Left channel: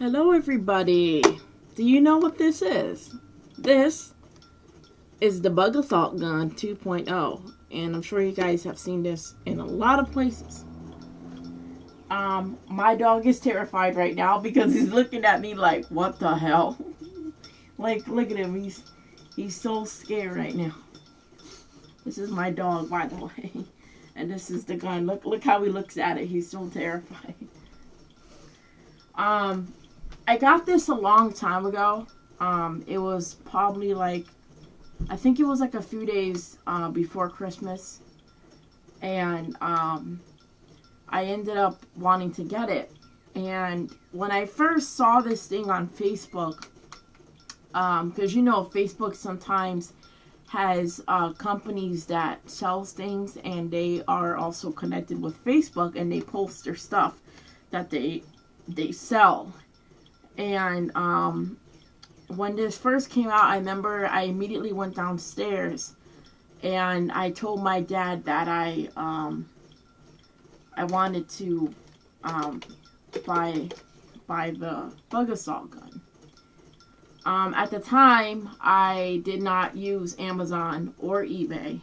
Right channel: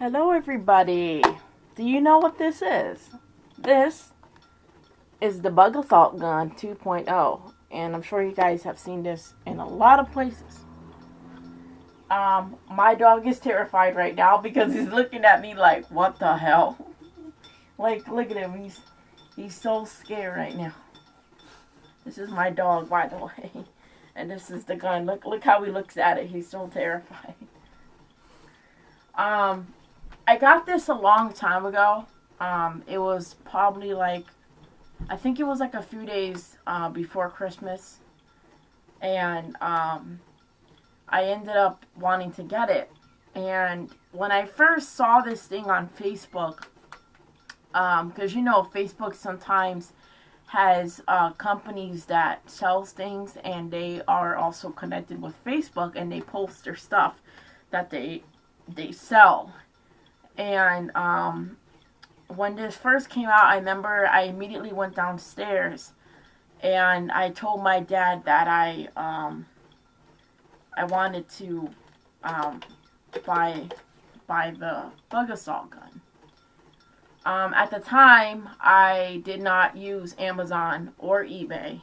Hello, everybody. Do you know what this is? This is the Bug Assault Gun 2.0, and I'm sure you guys have seen this in a lot of places. My dog is terrified right now because he's looking at me like, "What the hell?" Like, look at him. He's so scared right now. This is my dog, by the way, and this is the gun. Look how he looks at it. He's so terrified. Um, I got this a long time ago. It was probably like, I think it was like a few days before Christmas, and I ended up wanting to get it. And when I first saw this thing on Facebook, because Facebook sometimes has companies that sells things, and they are also connected with Facebook, and they post their stuff that they sell. And when this first came out, I remember I immediately went downstairs and I told my dad that I wanted to buy the Bug Assault gun. At the time, I did not use Amazon or eBay,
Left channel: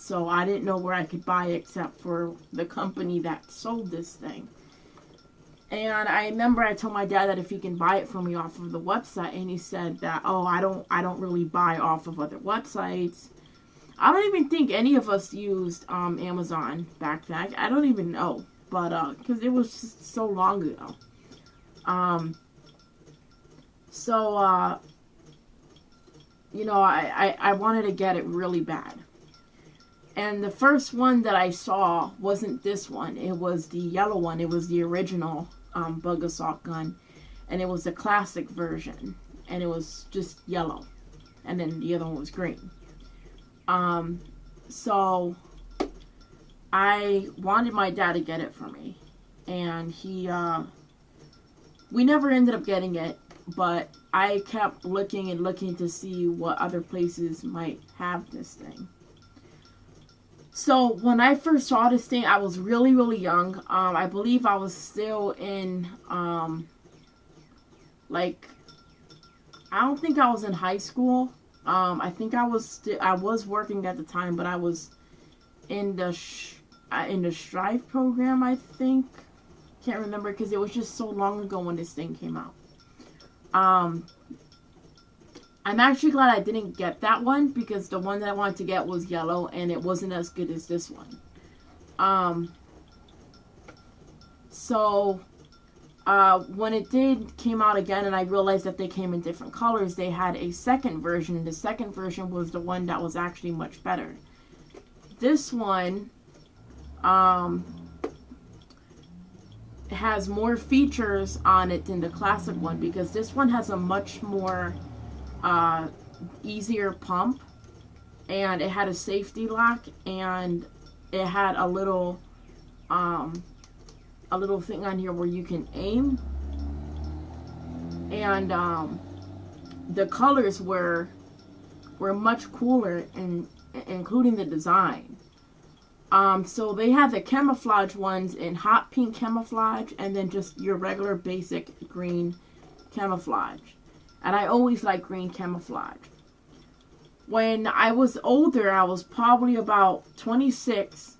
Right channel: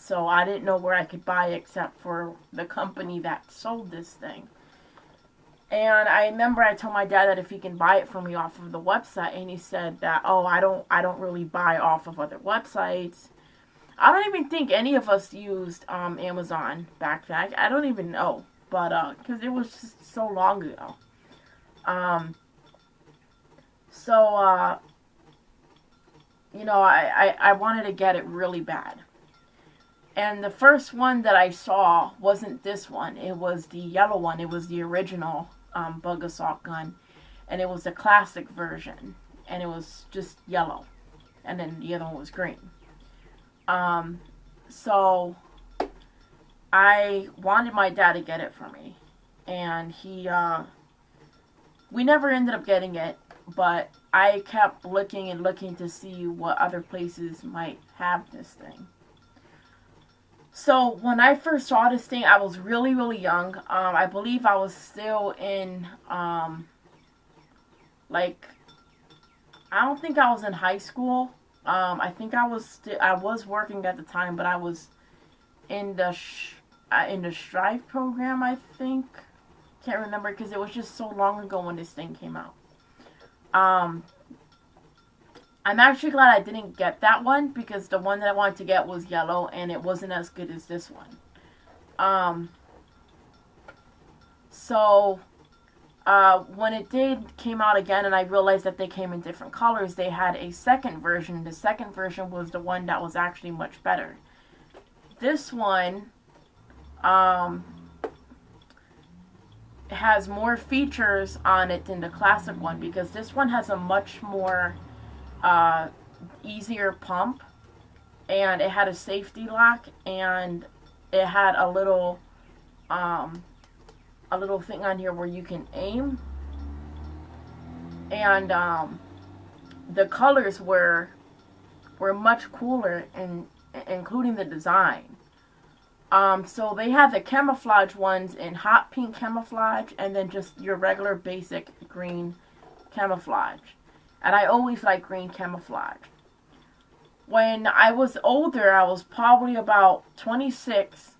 so I didn't know where I could buy it except for the company that sold this thing. And I remember I told my dad that if he can buy it for me off of the website, and he said that, "Oh, I don't really buy off of other websites." I don't even think any of us used Amazon back then. I don't even know, but because it was just so long ago. Um, so I wanted to get it really bad. And the first one that I saw wasn't this one. It was the yellow one. It was the original Bug Assault gun. And it was the classic version. And it was just yellow. And then the other one was green. So I wanted my dad to get it for me. And we never ended up getting it. But I kept looking and looking to see what other places might have this thing. So when I first saw this thing, I was really, really young. I believe I was still in, like, I don't think I was in high school. I think I was working at the time, but I was in the Strive program, I think. Can't remember because it was just so long ago when this thing came out. I'm actually glad I didn't get that one because the one that I wanted to get was yellow and it wasn't as good as this one. So when it came out again and I realized that they came in different colors, they had a second version. The second version was the one that was actually much better. This one has more features on it than the classic one because this one has a much more easier pump, and it had a safety lock, and it had a little thing on here where you can aim, and the colors were much cooler, and including the design. So they had the camouflage ones in hot pink camouflage, and then just your regular basic green camouflage. And I always like green camouflage. When I was older, I was probably about 26,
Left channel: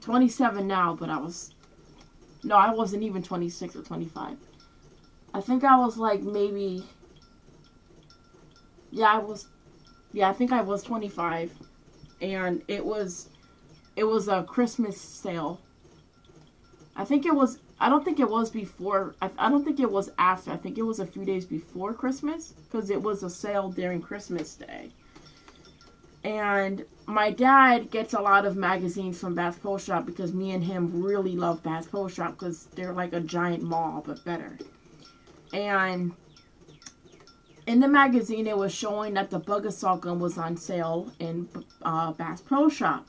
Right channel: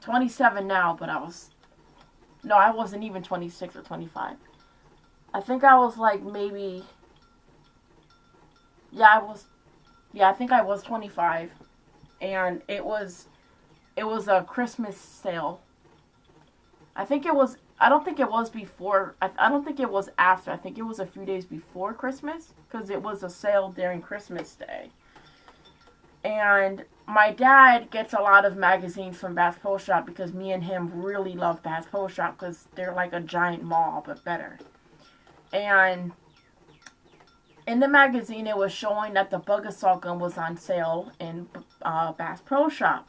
27 now, but I wasn't even 26 or 25. I think I was like maybe, I think I was 25. And it was a Christmas sale. I don't think it was before. I don't think it was after. I think it was a few days before Christmas because it was a sale during Christmas Day. And my dad gets a lot of magazines from Bass Pro Shop because me and him really love Bass Pro Shop because they're like a giant mall but better. And in the magazine, it was showing that the Bug Assault gun was on sale in Bass Pro Shop.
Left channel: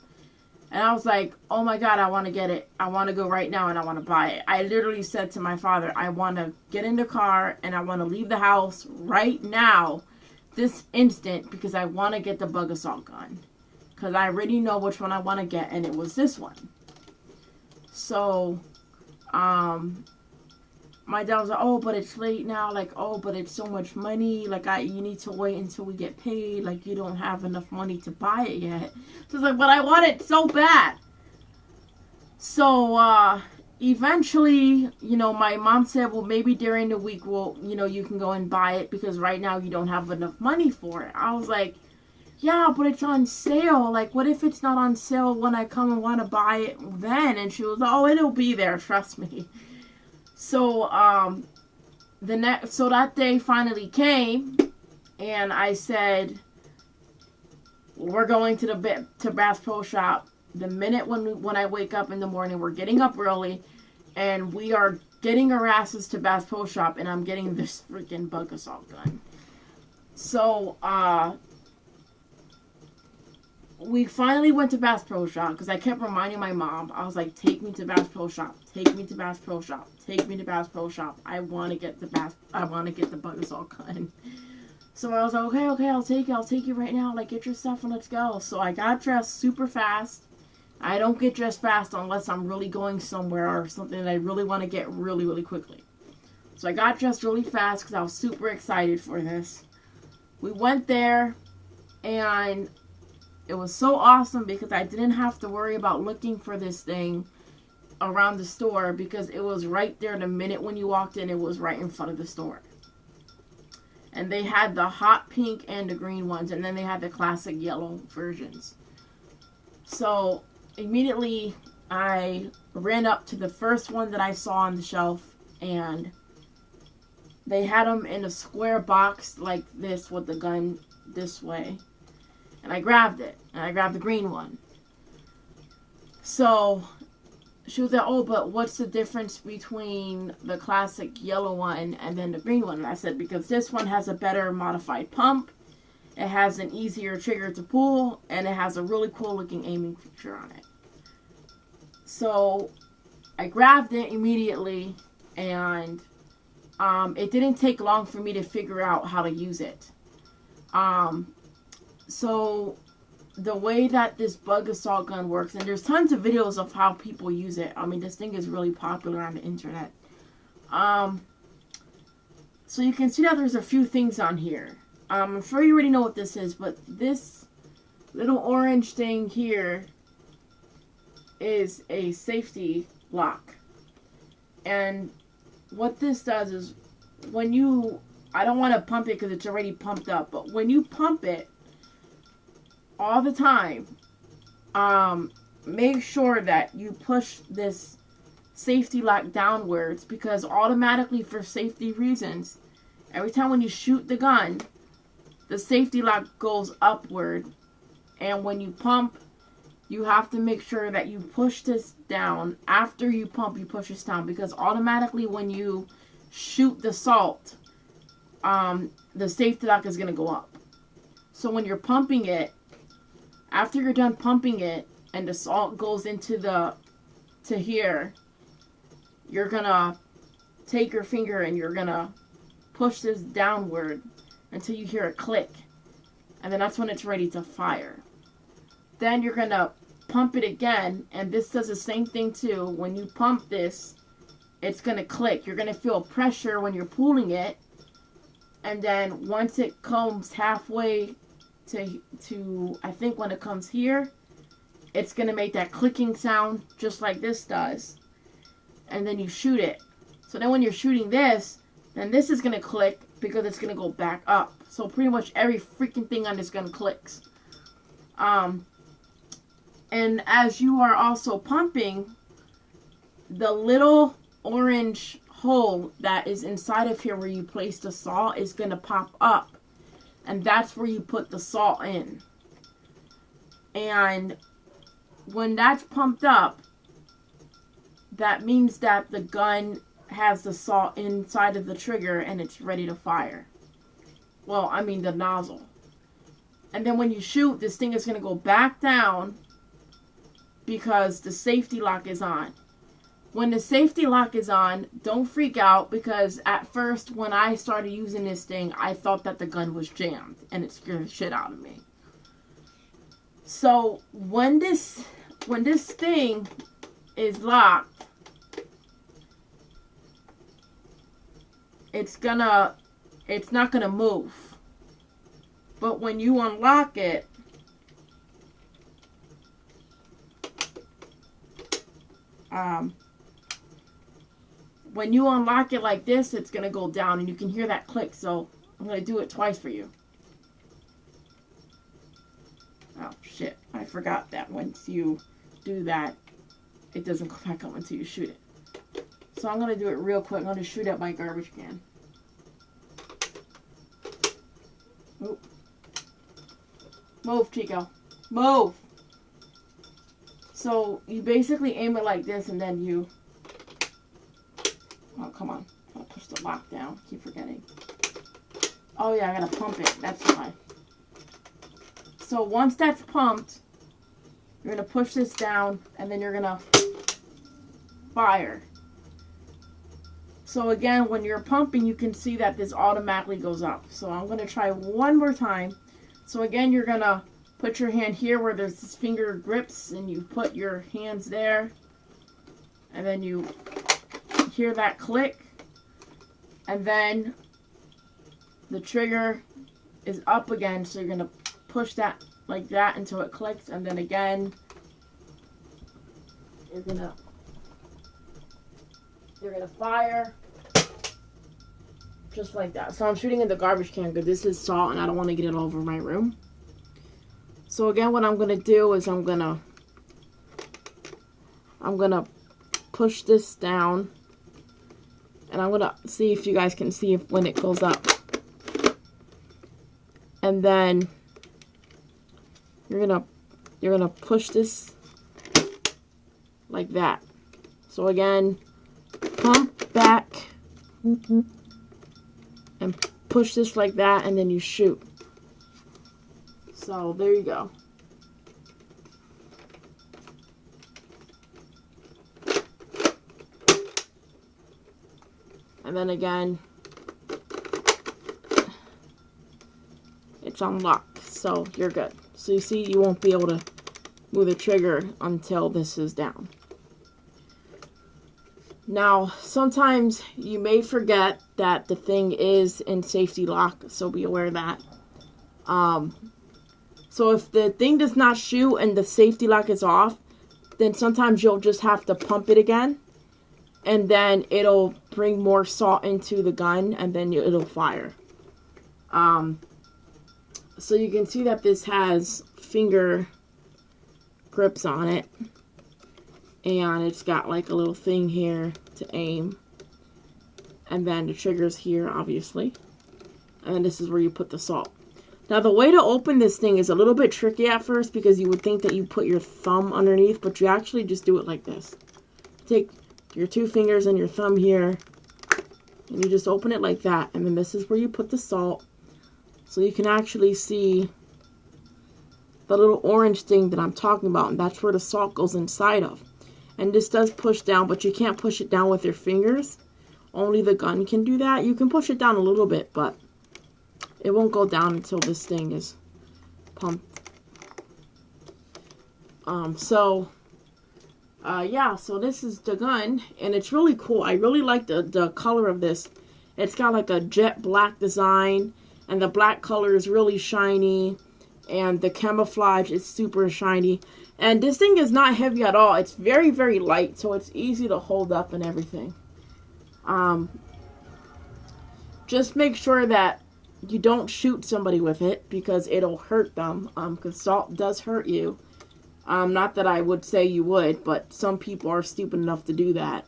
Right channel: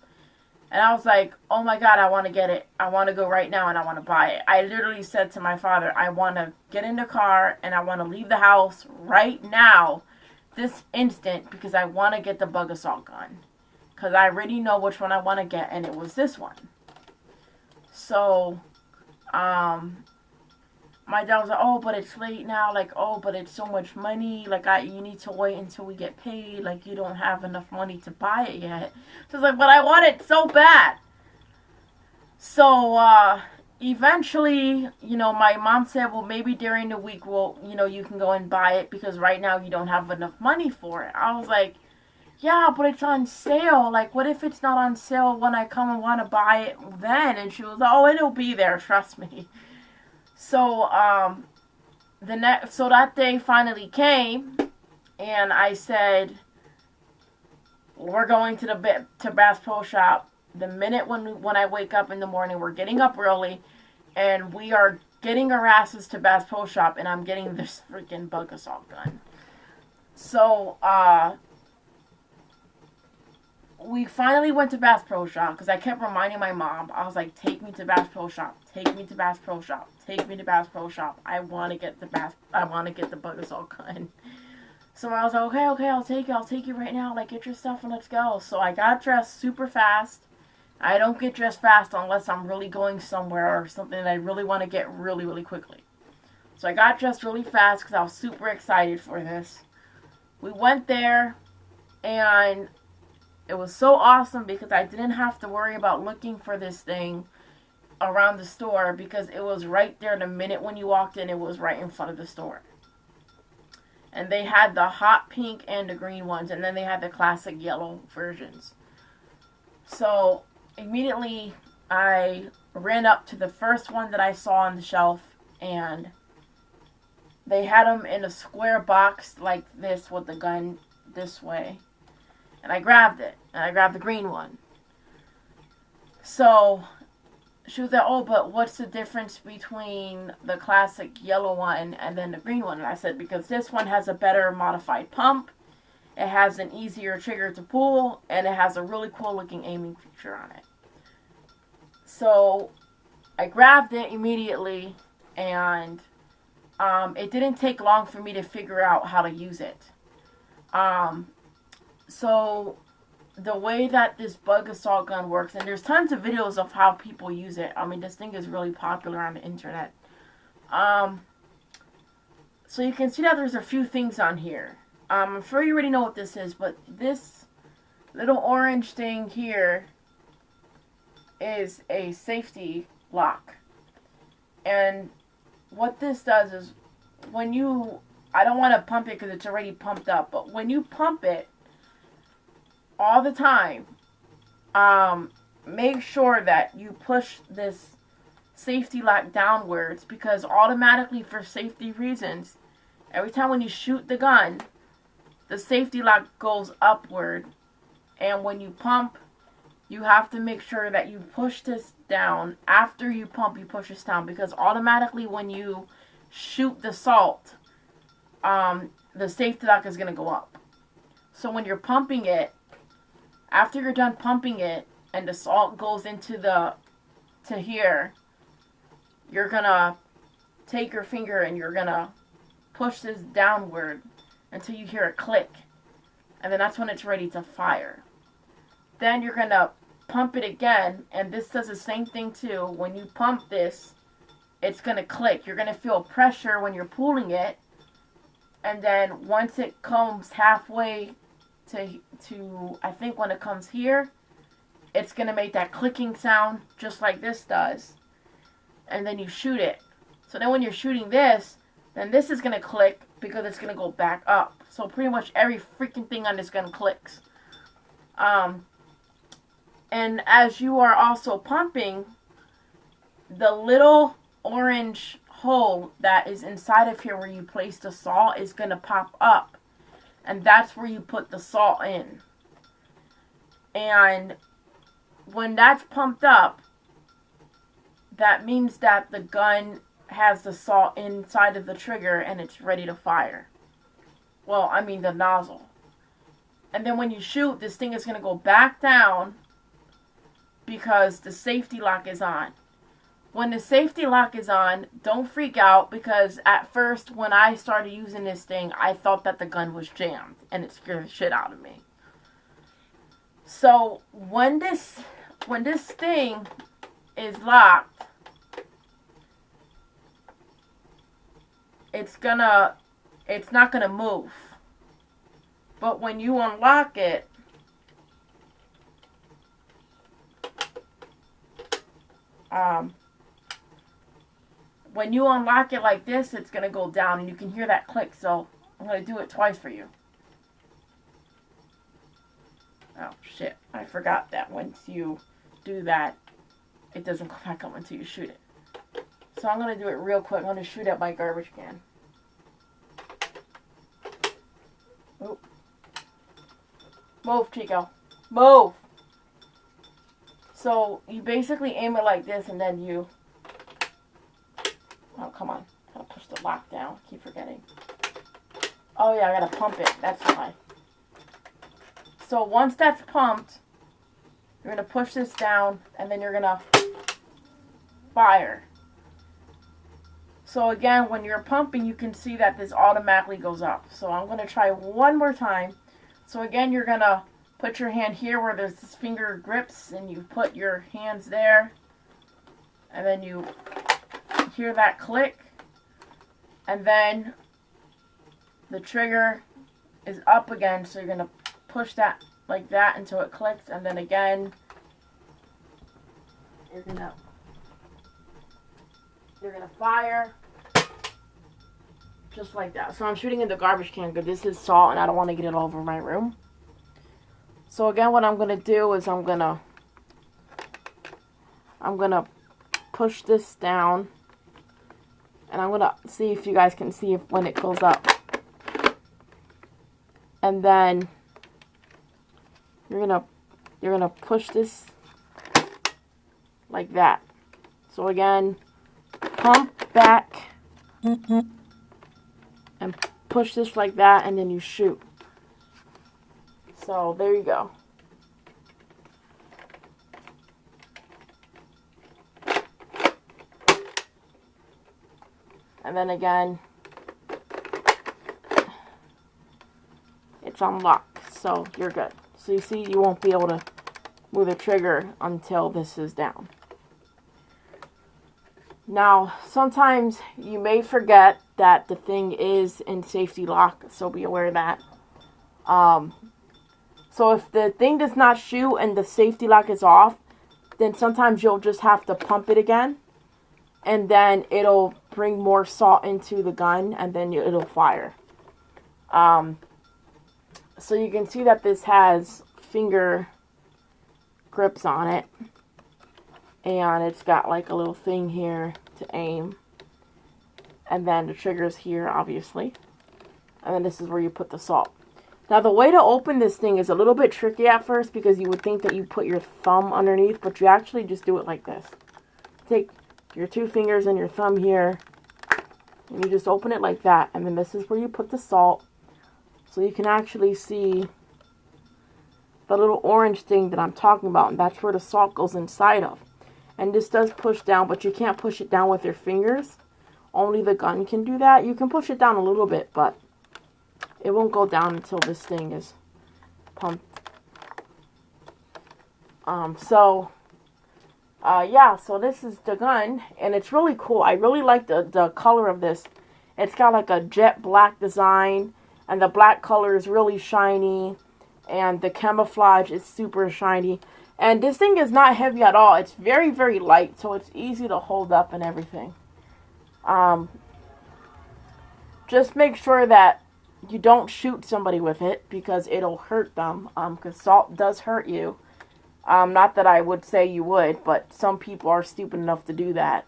And I was like, oh my God, I want to get it. I want to go right now and I want to buy it. I literally said to my father, I want to get in the car and I want to leave the house right now, this instant, because I want to get the Bug Assault gun. Because I already know which one I want to get, and it was this one. So, my dad was like, oh, but it's late now. Like, oh, but it's so much money. Like, you need to wait until we get paid. Like, you don't have enough money to buy it yet. So it's like, but I want it so bad. So, eventually, you know, my mom said, well, maybe during the week, well, you know, you can go and buy it because right now you don't have enough money for it. I was like, yeah, but it's on sale. Like, what if it's not on sale when I come and want to buy it then? And she was like, oh, it'll be there, trust me. So, so that day finally came, and I said, we're going to Bass Pro Shop. The minute when I wake up in the morning, we're getting up early, and we are getting our asses to Bass Pro Shop, and I'm getting this freaking bug assault gun. So, we finally went to Bass Pro Shop because I kept reminding my mom. I was like, take me to Bass Pro Shop. Take me to Bass Pro Shop. Take me to Bass Pro Shop. I want to get the bug assault gun. So I was like, okay, I'll take you right now. Like, get your stuff and let's go. So I got dressed super fast. I don't get dressed fast unless I'm really going somewhere or something that I really want to get really, really quickly. So I got dressed really fast because I was super excited for this. We went there, and it was so awesome because I didn't have to worry about looking for this thing around the store because it was right there the minute when you walked in. It was right in front of the store. And they had the hot pink and the green ones, and then they had the classic yellow versions. So immediately I ran up to the first one that I saw on the shelf, and they had them in a square box like this with the gun this way. And I grabbed it. And I grabbed the green one. So, she was like, oh, but what's the difference between the classic yellow one and then the green one? And I said, because this one has a better modified pump. It has an easier trigger to pull. And it has a really cool looking aiming feature on it. So, I grabbed it immediately. And it didn't take long for me to figure out how to use it. So, the way that this bug assault gun works, and there's tons of videos of how people use it. I mean, this thing is really popular on the internet. So you can see that there's a few things on here. I'm sure you already know what this is, but this little orange thing here is a safety lock. And what this does is when you, I don't want to pump it because it's already pumped up, but when you pump it, all the time, make sure that you push this safety lock downwards because automatically for safety reasons, every time when you shoot the gun, the safety lock goes upward. And when you pump, you have to make sure that you push this down. After you pump, you push this down because automatically when you shoot the salt, the safety lock is going to go up. So when you're pumping it, after you're done pumping it and the salt goes into to here, you're gonna take your finger and you're gonna push this downward until you hear a click. And then that's when it's ready to fire. Then you're gonna pump it again, and this does the same thing too. When you pump this, it's gonna click. You're gonna feel pressure when you're pulling it. And then once it comes halfway to I think when it comes here, it's going to make that clicking sound just like this does. And then you shoot it. So then when you're shooting this, then this is going to click because it's going to go back up. So pretty much every freaking thing on this gun clicks. And as you are also pumping, the little orange hole that is inside of here where you place the salt is going to pop up. And that's where you put the salt in. And when that's pumped up, that means that the gun has the salt inside of the trigger and it's ready to fire. Well, I mean the nozzle. And then when you shoot, this thing is going to go back down because the safety lock is on. When the safety lock is on, don't freak out because at first when I started using this thing, I thought that the gun was jammed and it scared the shit out of me. So when this thing is locked, it's not gonna move. But when you unlock it, when you unlock it like this, it's gonna go down, and you can hear that click. So I'm gonna do it twice for you. Oh shit! I forgot that once you do that, it doesn't come back up until you shoot it. So I'm gonna do it real quick. I'm gonna shoot at my garbage can. Oh. Move, Chico. Move! So you basically aim it like this, and then you... Oh, come on. I'll push the lock down. Keep forgetting. Oh yeah, I gotta pump it. That's why. So once that's pumped, you're gonna push this down, and then you're gonna fire. So again, when you're pumping, you can see that this automatically goes up. So I'm gonna try one more time. So again, you're gonna put your hand here where there's this finger grips, and you put your hands there, and then you hear that click, and then the trigger is up again, so you're gonna push that like that until it clicks, and then again you're gonna fire just like that. So I'm shooting in the garbage can because this is salt and I don't want to get it all over my room. So again, what I'm gonna do is I'm gonna push this down, and I'm gonna see if you guys can see if when it goes up, and then you're gonna push this like that. So again, pump back and push this like that, and then you shoot. So there you go. And then again, it's unlocked, so you're good. So you see, you won't be able to move the trigger until this is down. Now, sometimes you may forget that the thing is in safety lock, so be aware of that. So if the thing does not shoot and the safety lock is off, then sometimes you'll just have to pump it again, and then it'll bring more salt into the gun, and then it'll fire. So you can see that this has finger grips on it, and it's got like a little thing here to aim, and then the trigger's here, obviously, and then this is where you put the salt. Now the way to open this thing is a little bit tricky at first, because you would think that you put your thumb underneath, but you actually just do it like this. Take your two fingers and your thumb here, and you just open it like that, and then this is where you put the salt. So you can actually see the little orange thing that I'm talking about, and that's where the salt goes inside of. And this does push down, but you can't push it down with your fingers. Only the gun can do that. You can push it down a little bit, but it won't go down until this thing is pumped. Yeah, so this is the gun, and it's really cool. I really like the color of this. It's got like a jet black design, and the black color is really shiny, and the camouflage is super shiny. And this thing is not heavy at all. It's very, very light, so it's easy to hold up and everything. Just make sure that you don't shoot somebody with it, because it'll hurt them, because salt does hurt you. Not that I would say you would, but some people are stupid enough to do that.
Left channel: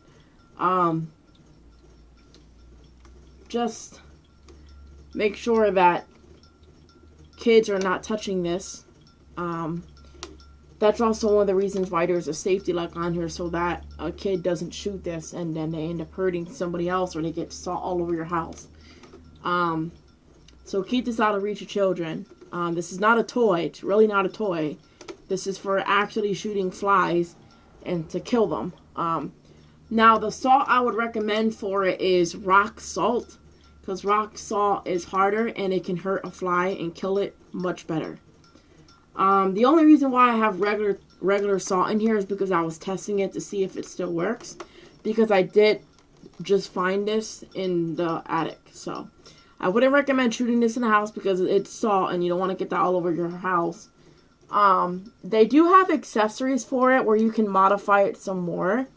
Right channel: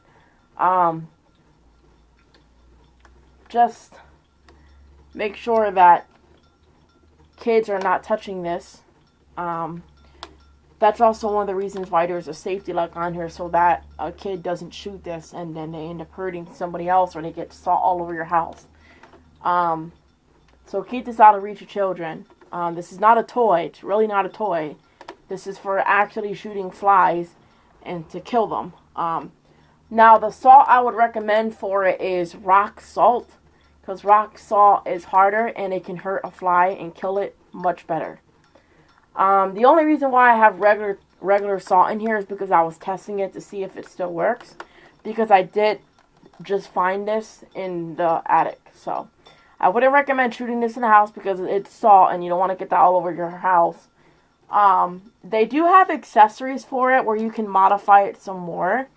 Just make sure that kids are not touching this. That's also one of the reasons why there's a safety lock on here, so that a kid doesn't shoot this and then they end up hurting somebody else, or they get salt all over your house. So keep this out of reach of children. This is not a toy. It's really not a toy. This is for actually shooting flies and to kill them. Now, the salt I would recommend for it is rock salt, because rock salt is harder and it can hurt a fly and kill it much better. The only reason why I have regular salt in here is because I was testing it to see if it still works. Because I did just find this in the attic. So I wouldn't recommend shooting this in the house because it's salt and you don't want to get that all over your house. They do have accessories for it where you can modify it some more.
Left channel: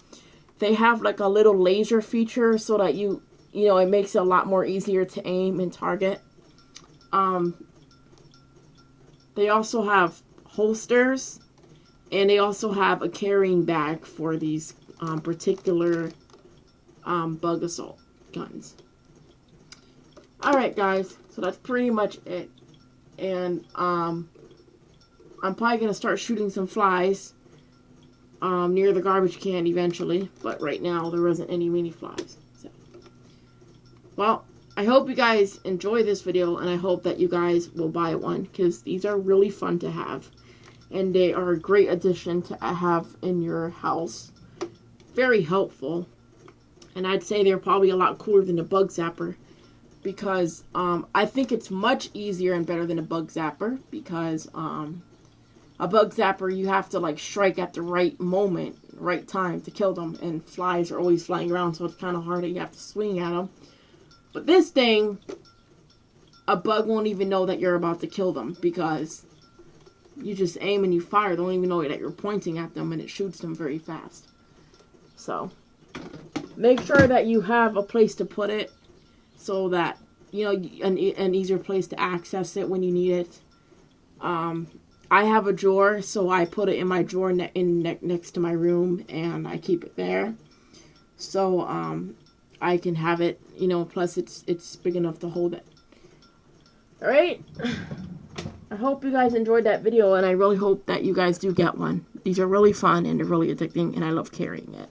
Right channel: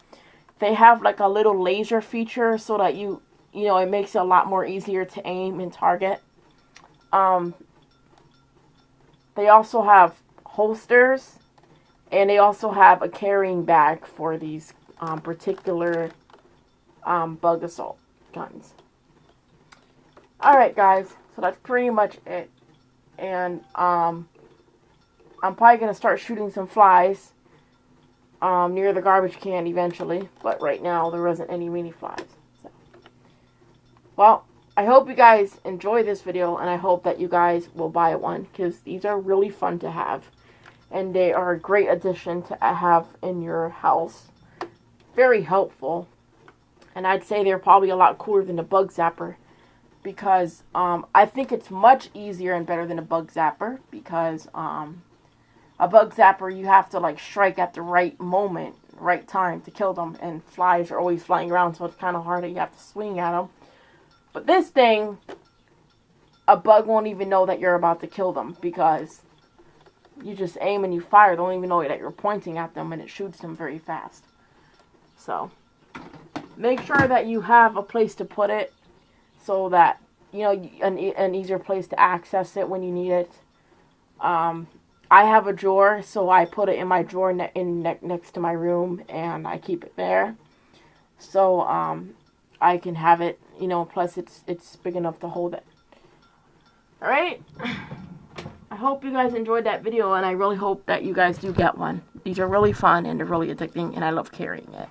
They have like a little laser feature so that you know, it makes it a lot more easier to aim and target. They also have holsters, and they also have a carrying bag for these particular bug assault guns. Alright guys, so that's pretty much it. And I'm probably going to start shooting some flies near the garbage can eventually, but right now there isn't any weenie flies. So. Well, I hope you guys enjoy this video, and I hope that you guys will buy one, because these are really fun to have, and they are a great addition to have in your house. Very helpful, and I'd say they're probably a lot cooler than a bug zapper, because I think it's much easier and better than a bug zapper, because a bug zapper, you have to like strike at the right moment, right time to kill them, and flies are always flying around, so it's kind of hard that you have to swing at them. But this thing, a bug won't even know that you're about to kill them, because you just aim and you fire. They don't even know that you're pointing at them, and it shoots them very fast. So make sure that you have a place to put it, so that, you know, an easier place to access it when you need it. I have a drawer, so I put it in my drawer next to my room, and I keep it there. So I can have it, you know, plus it's big enough to hold it. Alright? I hope you guys enjoyed that video, and I really hope that you guys do get one. These are really fun, and they're really addicting, and I love carrying it.